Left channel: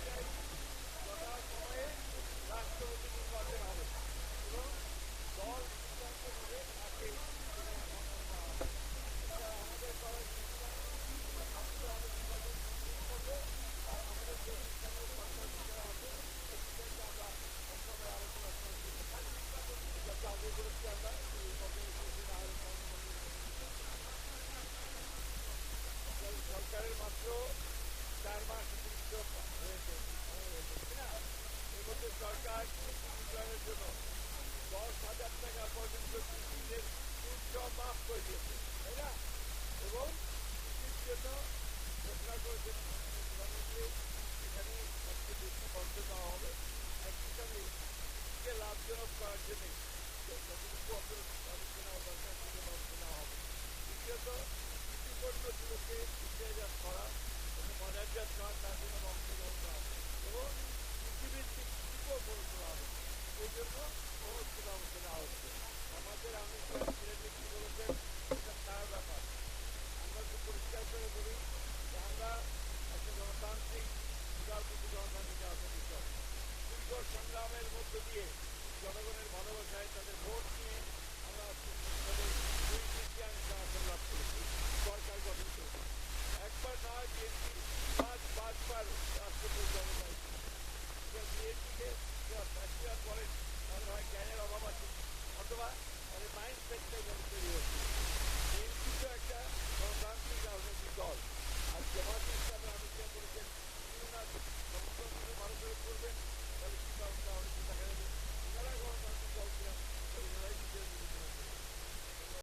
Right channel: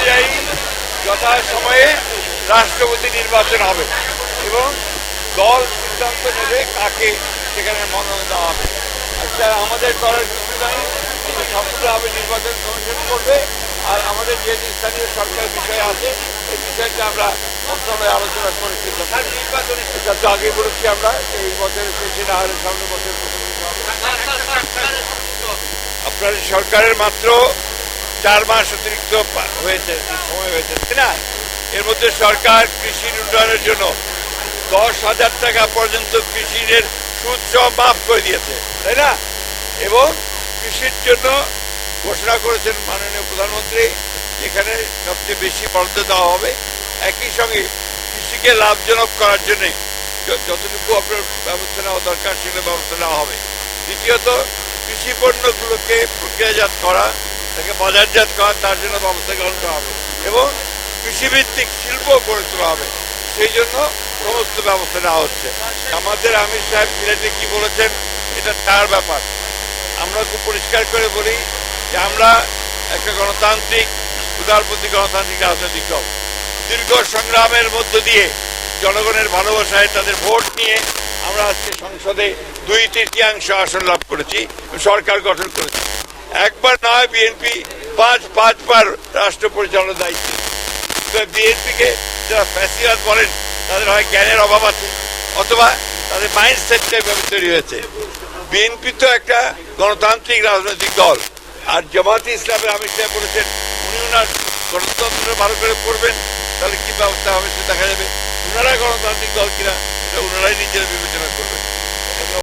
অনুযায়ী যথাসময়ে রাষ্ট্রপতি নির্বাচন হবে এবং দল সিদ্ধান্ত নেবে কাকে সেখানে মনোনয়ন দেওয়া হবে। আচ্ছা, আমাদের করার কিছু নাই, সম্পূর্ণভাবে নির্বাচন কমিশন করবে। আর আমাদের যে স্থানীয় সরকারের বিষয় আছে এই বিষয়টা আমরা মন্ত্রণালয়ে আলোচনা করে এটা তো আগে বলেছি আমরা এই বছরের শেষে না হলে সামনের বছর আপনার সরকারের মাত্র 4 মাস অতিরিক্ত হয়েছে, সময় হয়েছে, তাই না? এর মধ্যে সরকার কৃষির উন্নয়নের জন্য 10,000 টাকা পর্যন্ত কৃষির সুদ সহ মাফ করে দিয়েছে, তাই না? এবং কৃষির জন্য ঘোষণা করেছেন মাননীয় প্রধানমন্ত্রী যেখানে সবচেয়ে বেশি বরাদ্দ দেওয়া হবে। একই সঙ্গে কৃষিকে লাভজনক করার জন্য যতটুকু আপনার ব্যবস্থা নেওয়া দরকার সেগুলো ব্যবস্থা নেওয়া হবে। দ্বিতীয়ত কৃষি পণ্যগুলোকে প্রক্রিয়াজাত করা, তাকে বাজারজাত করা, তার জন্য ব্যবস্থা গ্রহণ করা হবে এবং কৃষিভিত্তিক শিল্প গড়ে তোলা হবে। সেই জন্য সমস্ত ব্যবস্থা নেওয়া হচ্ছে। আমাদের আমির সাহেব সিলেটে কি বলেছেন এটা তার ব্যাপার। আমরা খুব পরিষ্কার করে বলি যে আমরা একটা গণতান্ত্রিক উদারপন্থী গণতান্ত্রিক রাজনৈতিক দল। দীর্ঘ সংগ্রামের মধ্য দিয়ে জনগণের ভালোবাসায় তাদের ভোট নিয়ে আমরা আজকে সংসদে 2/3 আসন লাভ করেছি, সরকার গঠন করেছি। একবার নয়, বিএনপি 5বার রাষ্ট্র পরিচালনার দায়িত্ব। বিএনপিকে যারা ফ্যাসিবাদ বলেন তাদের হয় জ্ঞানের অভাব আছে অথবা তাদের মাইন্ডসেটটা এভাবে তৈরি হয়েছে। বিএনপি তো একটা গণতান্ত্রিক রাজনৈতিক দল, আর জামায়াতে ইসলামের আমির সাহেব বলেছেন উনি ওনার গণতন্ত্র ভালো করে করবেন, তাহলে কি ব্যবস্থা হবে সে দেখা যাবে। ওনারা গণতান্ত্রিক দল কিনা এটা ওনারাই নিজেরা বিবেচনা করবেন।